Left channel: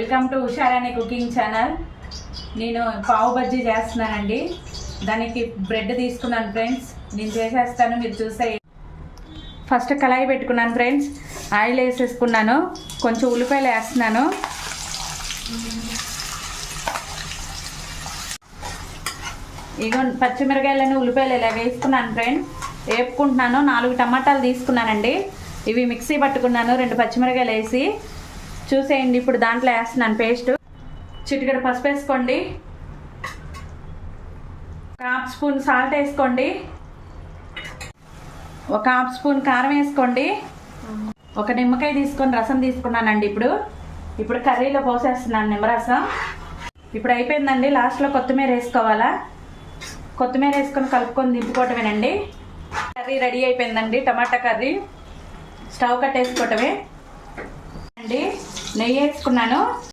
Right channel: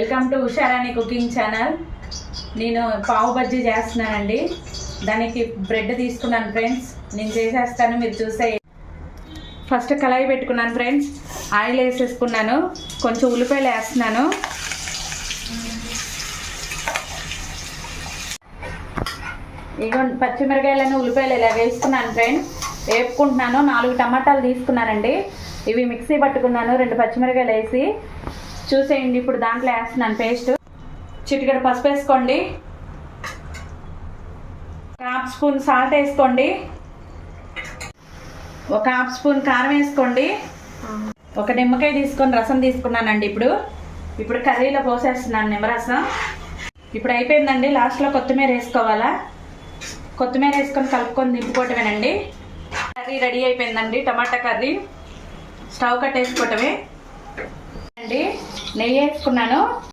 Welcome to Usharani cooking channel. నేను పావు బజ్జీ చేస్తున్నానండి. దానికి బ్రెడ్ తీసుకున్నాను ఫ్రెండ్స్. నేను చేసేస్తాను, మీరు చూసే. ఫస్ట్ కళాయి పెట్టుకున్నాను ఫ్రెండ్స్. ఆయిల్ వేసేసుకున్నాను, కొంచెం ఉల్లిపాయలు వేస్తున్నాను. ఇక పచ్చిమిరకాయలను ఉల్లిపాయలు ఇలా వేసుకున్నాను ఫ్రెండ్స్. వేపుకుంటున్నాను. 4 టమాటాలు తీసుకున్నానండి. ఇవి మిక్సీ పట్టుకున్నాను. 2 పచ్చిమిరకాయలు వేసి చూసేయండి. ఇప్పుడు దాంట్లో వేస్తున్నాను పేస్ట్. చిటికెడు పసుపు వేసుకోండి, 1/2 స్పూన్ సాల్ట్ వేసుకోండి, 1/2 స్పూన్ కారం వేసుకోండి. 1 నిమ్మకాయ తీసుకొని రసం తీసుకున్నానండి. ఇప్పుడు కర్రీలో పోసేస్తున్నాను నిమ్మరసం. ఇప్పుడు అయిపోయిందండి. లాస్ట్లో కొత్తిమీర వేసుకోవాలా. కొత్తిమీర వేసుకొని కలుపుకొని దింపుకోవటమేనండి. కర్రీ రెడీ అయిపోయిందండి. టమాటా కర్రీ. స్టవ్ కట్టేసుకోవటమే అండి. నెయ్యి వేసుకున్నాను.